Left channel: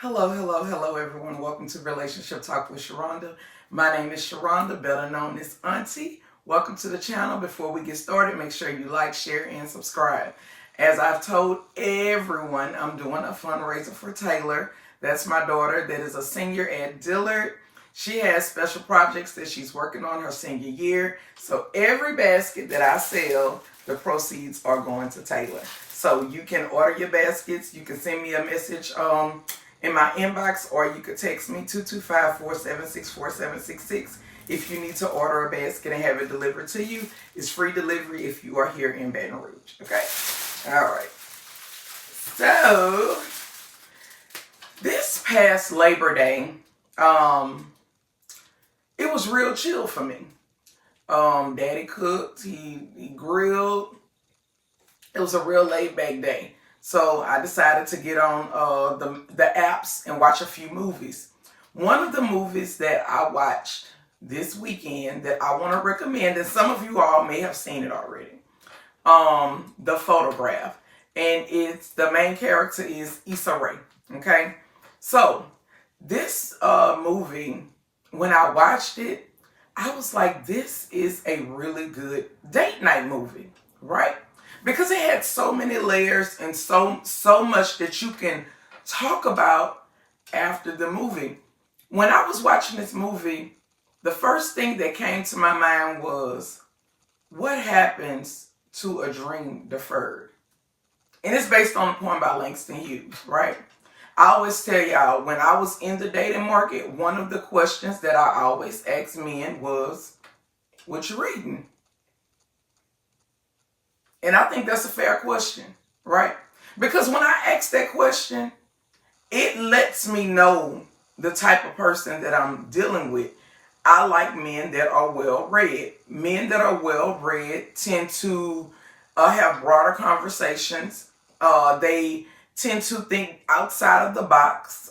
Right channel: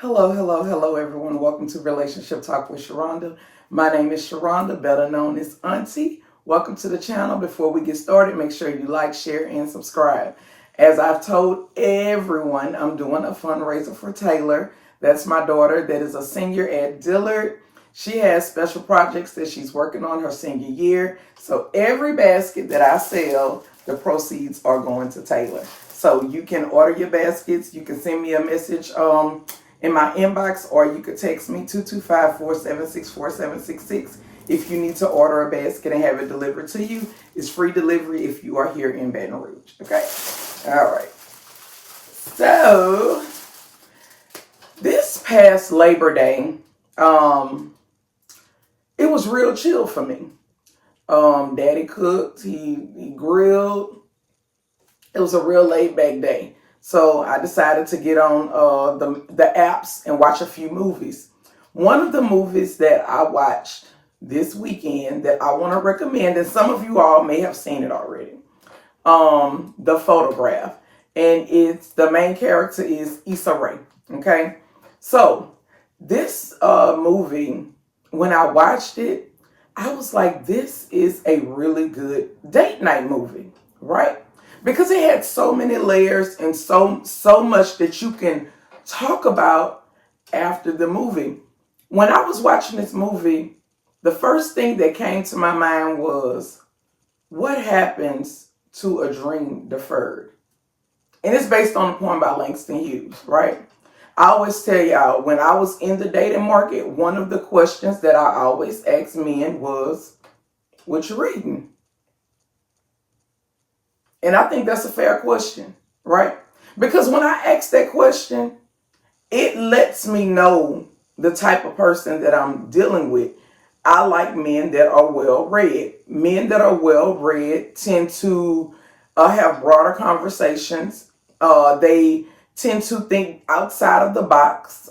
Hello, everyone. Welcome to Relationship Talk with Sharonda. My name is Sharonda, better known as Auntie. Welcome to the channel. Before we get started, make sure you like, share, and subscribe. As I've told everyone, I'm doing a fundraiser for Taylor. That's my daughter that is a senior at Dillard. She has special projects that she's working on her senior year. So every basket that I sell, the proceeds are going to Taylor. So you can order your baskets. You can send me a message in my inbox, or you could text me 225-476-4766 if you need to order a basket and have it delivered to you. It's free delivery if you are here in Baton Rouge. Okay? All right. So, this past Labor Day, it was real chill for me. Daddy cooked, he grilled. It was a real laid back day. So I decided to get on the apps and watch a few movies. One of the movies that I watched this weekend that I want to recommend, and some of you all may have seen it already, The Photograph. And it's the main character is Issa Rae. Okay? So this movie, when I watched it, I was like, this is a really good date night movie, right? Because it had so many layers and so much that you can talk about after the movie. When I was watching this movie, the first thing that came to my mind was, what happens to a dream deferred? And it's based on a poem by Langston Hughes, right? I always tell y'all, when I was in the dating market, one of the questions that I always asked men was, what you reading? And I think that's a fair question, right? Because when I ask that question, it lets me know the type of person that I'm dealing with. I like men that are well read. Men that are well read tend to have broader conversations. They tend to think outside of the box.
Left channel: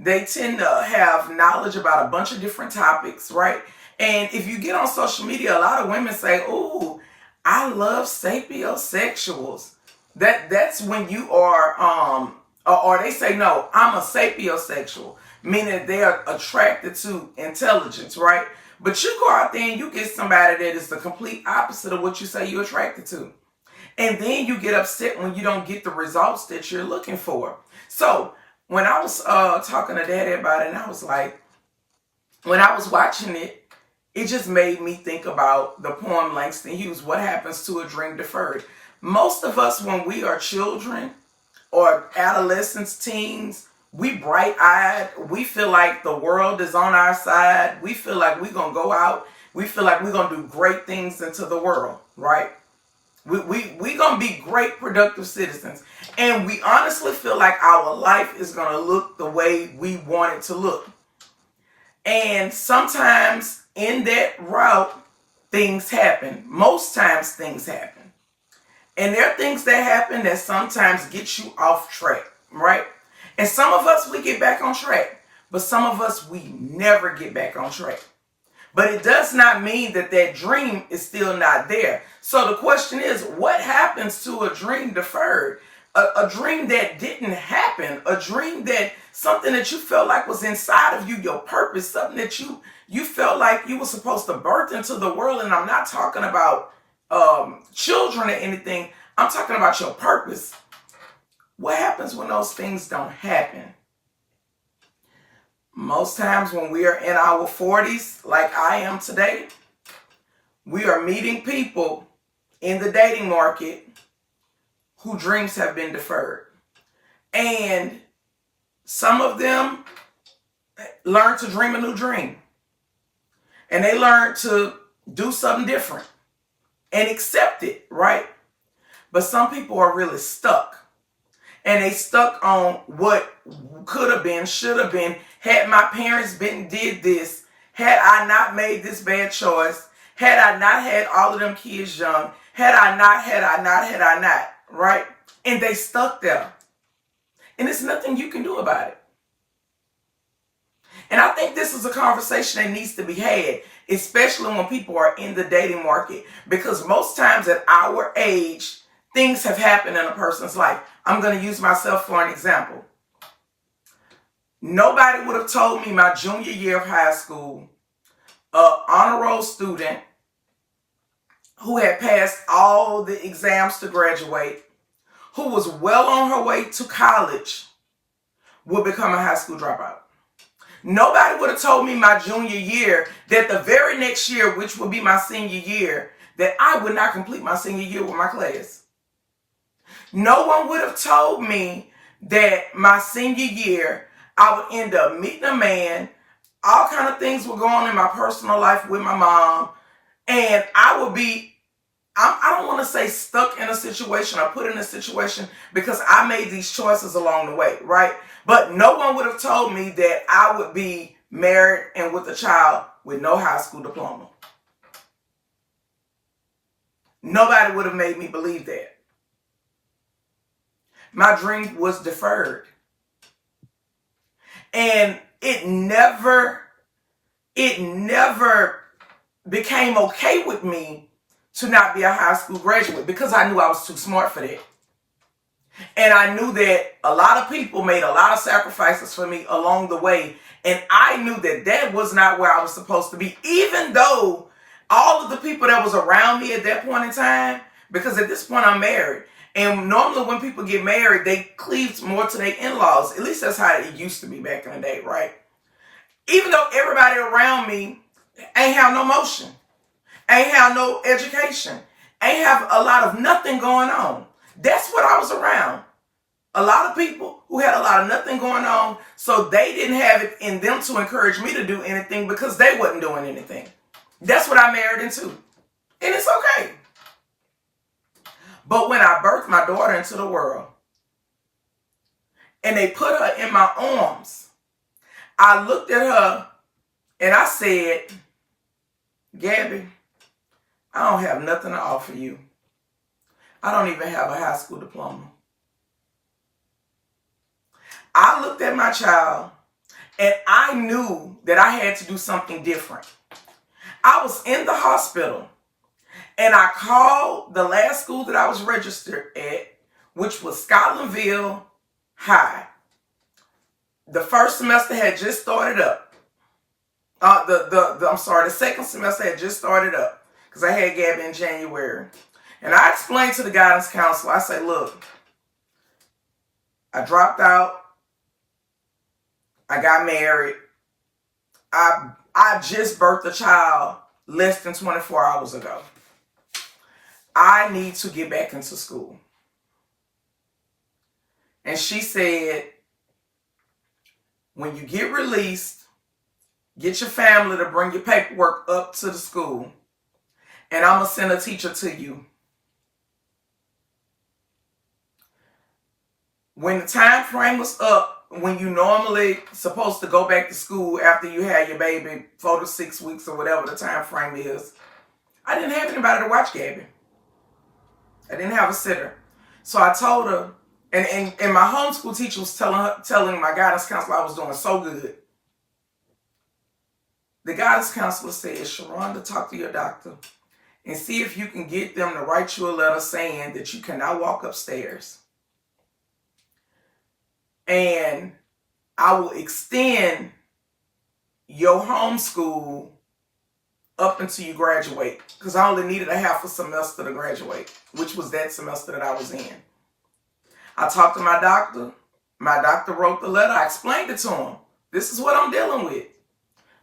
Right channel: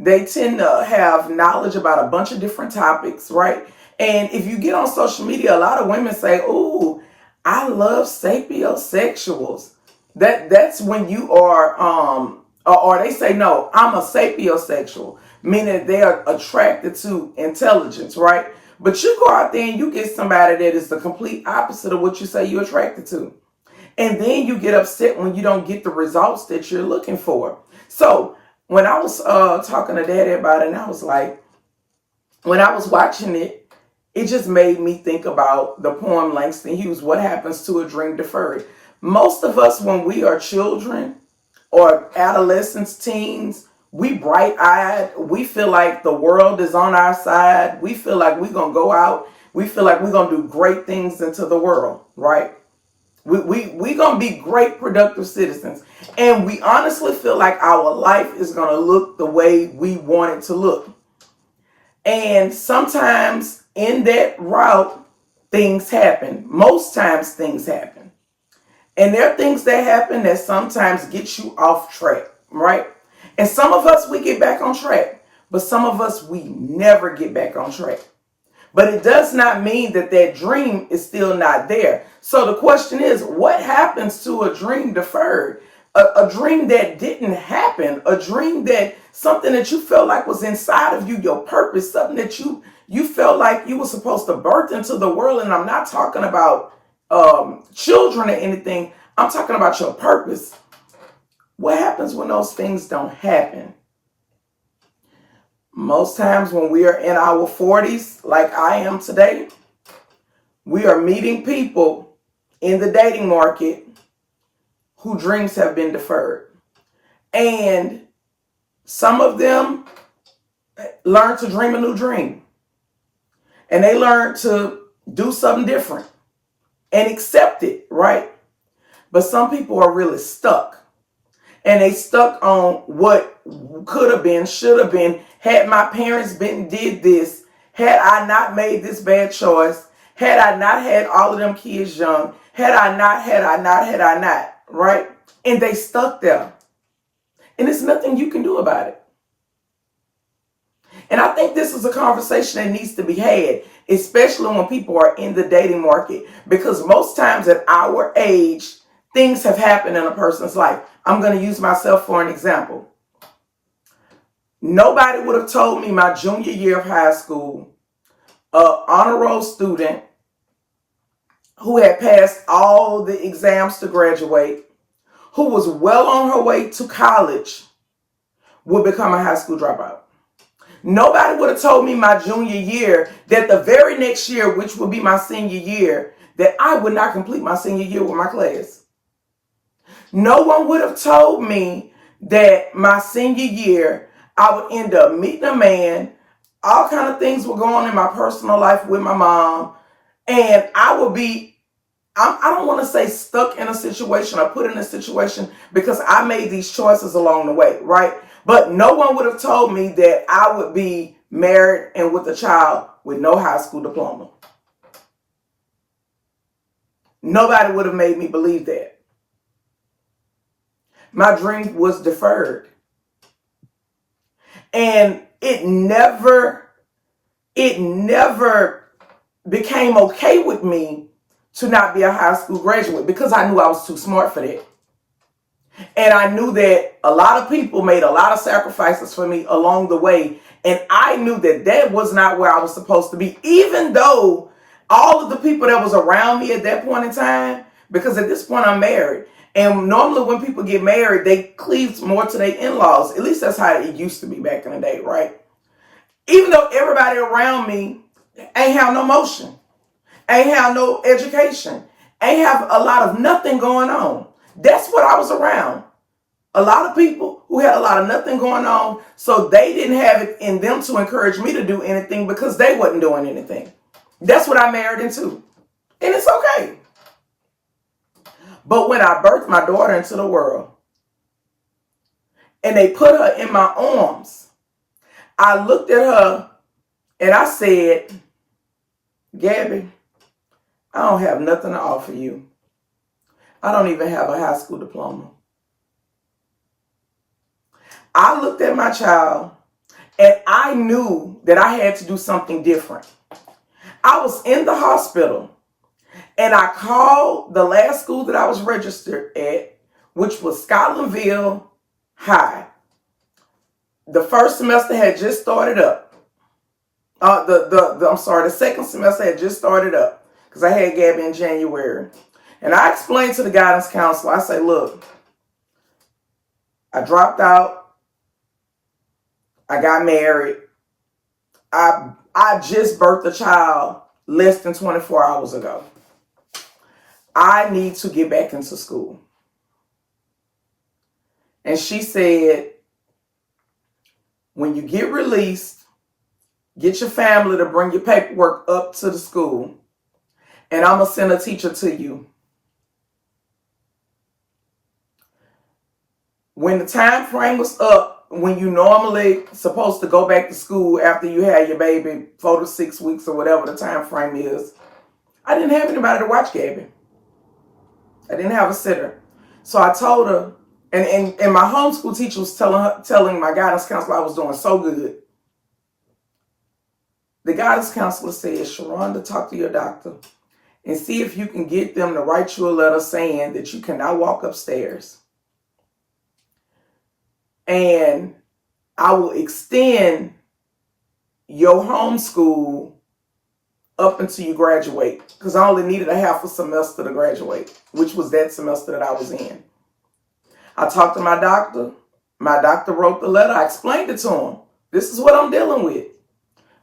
They tend to have knowledge about a bunch of different topics, right? And if you get on social media, a lot of women say, "Ooh, I love sapiosexuals." That's when you are or they say, "No, I'm a sapiosexual," meaning they are attracted to intelligence, right? But you go out there and you get somebody that is the complete opposite of what you say you're attracted to. And then you get upset when you don't get the results that you're looking for. So when I was talking to Daddy about it, and I was like, when I was watching it, it just made me think about the poem Langston Hughes, What Happens to a Dream Deferred. Most of us, when we are children or adolescents, teens, we bright-eyed. We feel like the world is on our side. We feel like we're going to go out. We feel like we're going to do great things into the world, right? We going to be great, productive citizens. And we honestly feel like our life is going to look the way we want it to look. And sometimes in that route, things happen. Most times things happen. And there are things that happen that sometimes get you off track, right? And some of us, we get back on track. But some of us, we never get back on track. But it does not mean that that dream is still not there. So the question is, what happens to a dream deferred? A dream that didn't happen, a dream that something that you felt like was inside of you, your purpose, something that you felt like you were supposed to birth into the world. And I'm not talking about children or anything. I'm talking about your purpose. What happens when those things don't happen? Most times when we are in our 40s, like I am today, we are meeting people in the dating market whose dreams have been deferred. And some of them learn to dream a new dream. And they learn to do something different and accept it, right? But some people are really stuck. And they stuck on what could have been, should have been, had my parents been did this, had I not made this bad choice, had I not had all of them kids young, had I not, right? And they stuck there. And there's nothing you can do about it. And I think this is a conversation that needs to be had, especially when people are in the dating market, because most times at our age, things have happened in a person's life. I'm going to use myself for an example. Nobody would have told me my junior year of high school, an honor roll student who had passed all the exams to graduate, who was well on her way to college, would become a high school dropout. Nobody would have told me my junior year that the very next year, which would be my senior year, that I would not complete my senior year with my class. No one would have told me that my senior year, I would end up meeting a man. All kind of things were going on in my personal life with my mom. And I would be, I don't want to say stuck in a situation or put in a situation, because I made these choices along the way, right? But no one would have told me that I would be married and with a child with no high school diploma. Nobody would have made me believe that. My dream was deferred. And it never became okay with me to not be a high school graduate, because I knew I was too smart for that. And I knew that a lot of people made a lot of sacrifices for me along the way. And I knew that that was not where I was supposed to be, even though all of the people that was around me at that point in time, because at this point I'm married. And normally when people get married, they cleave more to their in-laws. At least that's how it used to be back in the day, right? Even though everybody around me ain't have no motion, ain't have no education, ain't have a lot of nothing going on. That's what I was around. A lot of people who had a lot of nothing going on, so they didn't have it in them to encourage me to do anything because they wasn't doing anything. That's what I married into. And it's okay. But when I birthed my daughter into the world and they put her in my arms, I looked at her and I said, Gabby, I don't have nothing to offer you. I don't even have a high school diploma. I looked at my child and I knew that I had to do something different. I was in the hospital and I called the last school that I was registered at, which was Scotlandville High. The first semester had just started up. The second semester had just started up because I had Gabby in January. And I explained to the guidance counselor, I said, look, I dropped out. I got married. I just birthed a child less than 24 hours ago. I need to get back into school. And she said, when you get released, get your family to bring your paperwork up to the school, and I'm going to send a teacher to you. When the time frame was up, when you normally supposed to go back to school after you had your baby, 4 to 6 weeks or whatever the time frame is, I didn't have anybody to watch Gabby. I didn't have a sitter. So I told her, and my homeschool teacher was telling my guidance counselor I was doing so good. The guidance counselor said, Sharonda, talk to your doctor and see if you can get them to write you a letter saying that you cannot walk upstairs. And I will extend your homeschool up until you graduate, because I only needed a half a semester to graduate, which was that semester that I was in. I talked to my doctor. My doctor wrote the letter. I explained it to him. This is what I'm dealing with.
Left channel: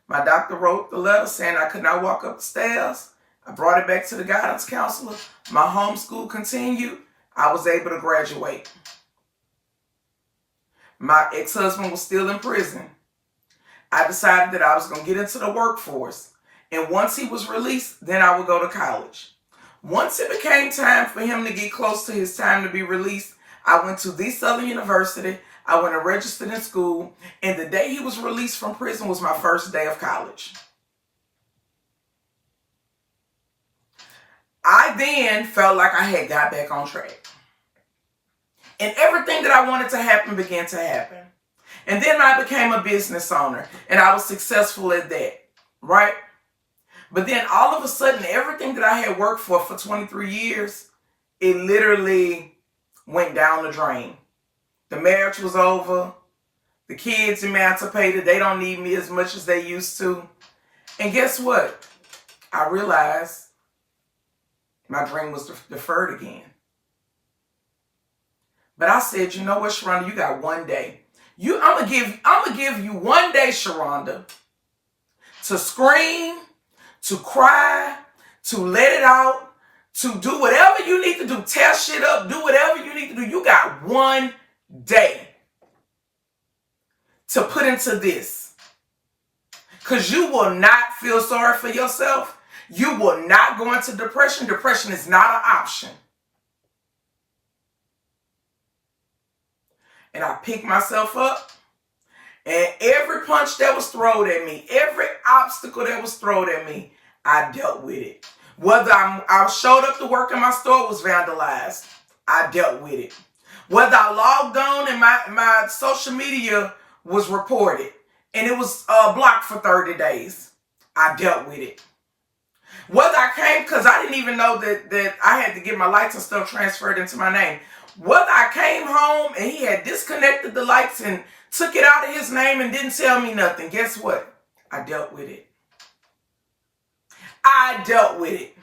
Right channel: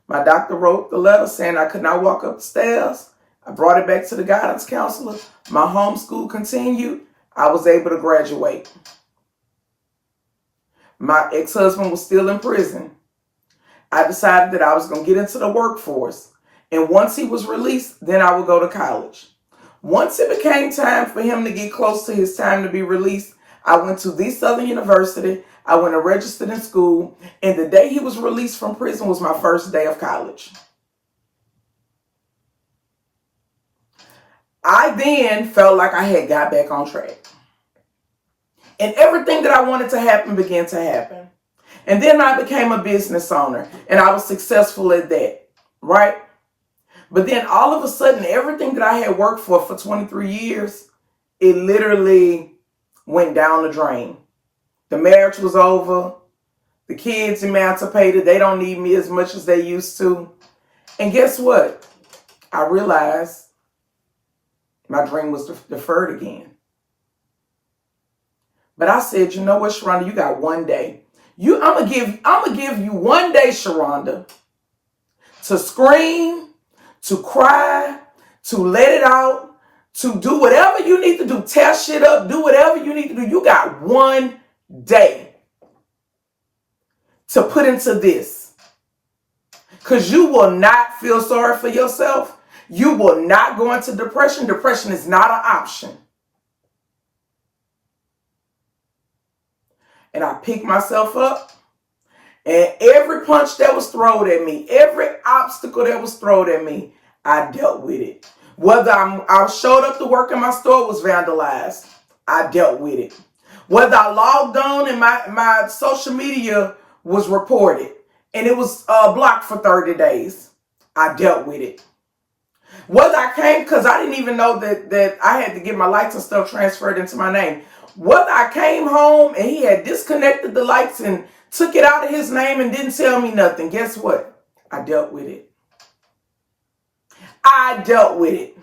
My doctor wrote the letter saying I could not walk up the stairs. I brought it back to the guidance counselor. My homeschool continued. I was able to graduate. My ex-husband was still in prison. I decided that I was going to get into the workforce. And once he was released, then I would go to college. Once it became time for him to get close to his time to be released, I went to the Southern University. I went and registered in school. And the day he was released from prison was my first day of college. I then felt like I had got back on track. And everything that I wanted to happen began to happen. And then I became a business owner, and I was successful at that, right? But then all of a sudden, everything that I had worked for 23 years, it literally went down the drain. The marriage was over. The kids emancipated. They don't need me as much as they used to. And guess what? I realized my dream was deferred again. But I said, you know what, Sharonda, you got one day. I'm gonna give you one day, Sharonda, to scream, to cry, to let it out, to do whatever you need to do. Tear shit up, do whatever you need to do. You got one day to put into this. Because you will not feel sorry for yourself. You will not go into depression. Depression is not an option. And I picked myself up. And every punch that was thrown at me, every obstacle that was thrown at me, I dealt with it. Whether I showed up to work and my store was vandalized, I dealt with it. Whether I logged on and my social media was reported and it was blocked for 30 days, I dealt with it. Whether I came, because I didn't even know that I had to get my lights and stuff transferred into my name. Whether I came home and he had disconnected the lights and took it out of his name and didn't tell me nothing, guess what? I dealt with it. I dealt with it.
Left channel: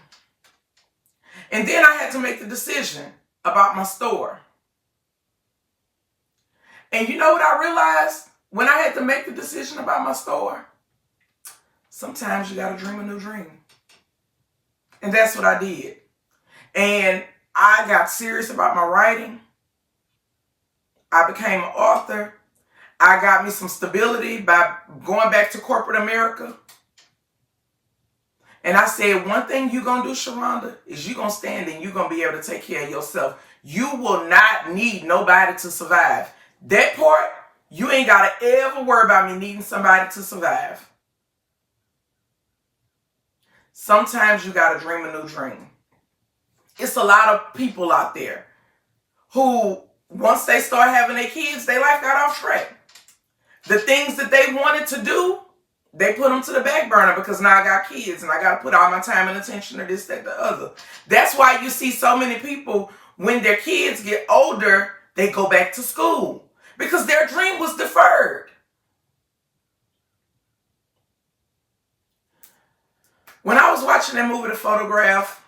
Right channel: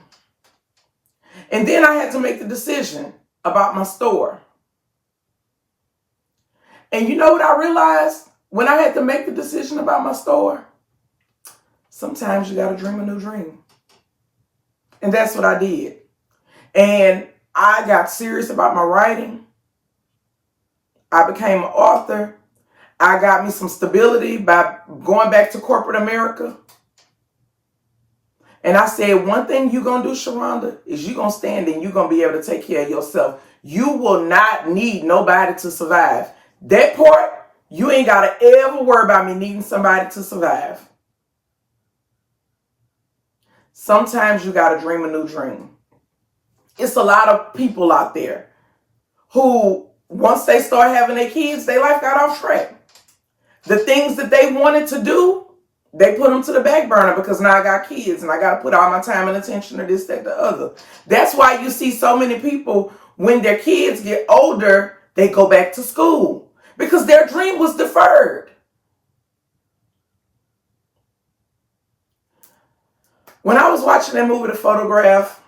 And then I had to make the decision about my store. And you know what I realized when I had to make the decision about my store? Sometimes you got to dream a new dream. And that's what I did. And I got serious about my writing. I became an author. I got me some stability by going back to corporate America. And I said, one thing you're going to do, Sharonda, is you're going to stand and you're going to be able to take care of yourself. You will not need nobody to survive. That part, you ain't got to ever worry about me needing somebody to survive. Sometimes you got to dream a new dream. It's a lot of people out there who, once they start having their kids, their life got off track. The things that they wanted to do, they put them to the back burner because now I got kids and I got to put all my time and attention to this, that, the other. That's why you see so many people, when their kids get older, they go back to school because their dream was deferred. When I was watching that movie, The Photograph,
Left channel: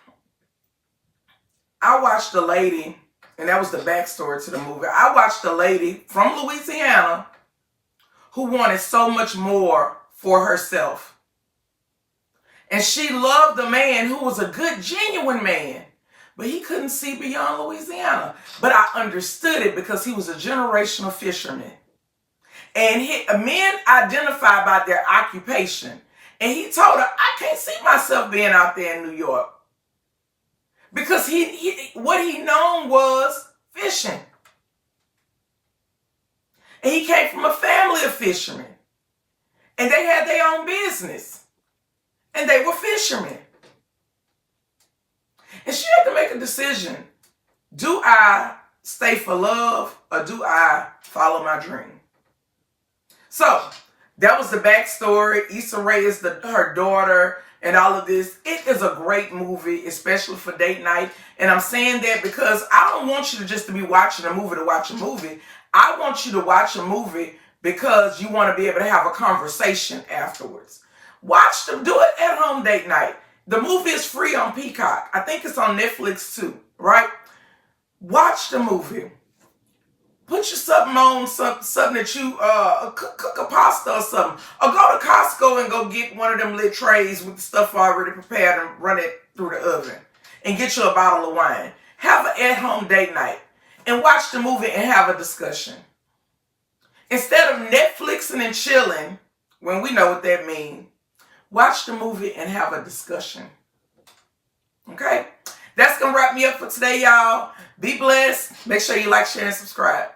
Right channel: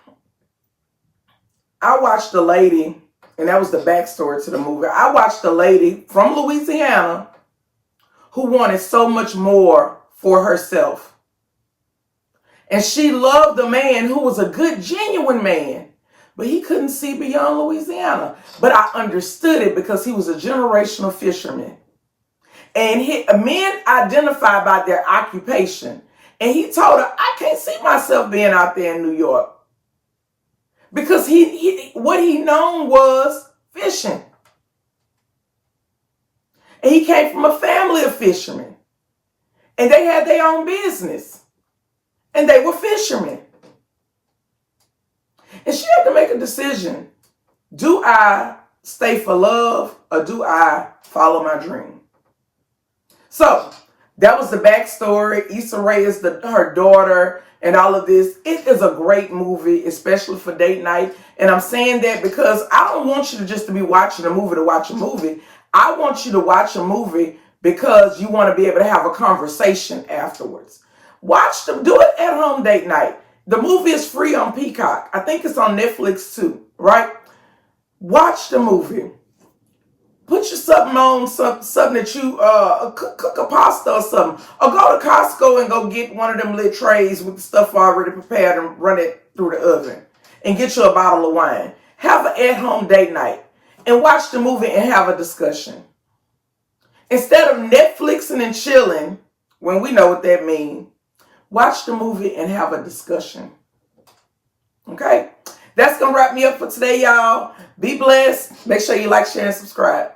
I watched a lady, and that was the backstory to the movie. I watched a lady from Louisiana who wanted so much more for herself. And she loved a man who was a good, genuine man, but he couldn't see beyond Louisiana. But I understood it because he was a generational fisherman. And men identify by their occupation. And he told her, I can't see myself being out there in New York. Because what he known was fishing. And he came from a family of fishermen. And they had their own business. And they were fishermen. And she had to make a decision. Do I stay for love or do I follow my dream? So, that was the backstory. Issa Rae is her daughter and all of this. It is a great movie, especially for date night. And I'm saying that because I don't want you to be watching a movie to watch a movie. I want you to watch a movie because you want to be able to have a conversation afterwards. Do it at home date night. The movie is free on Peacock. I think it's on Netflix too, right? Watch the movie. Put your something on, something that you cook a pasta or something. Or go to Costco and go get one of them little trays with the stuff already prepared and run it through the oven. And get you a bottle of wine. Have an at-home date night. And watch the movie and have a discussion. Instead of Netflixing and chilling, when we know what that means, watch the movie and have a discussion. Okay? That's going to wrap me up for today, y'all. Be blessed. Make sure you like, share, and subscribe.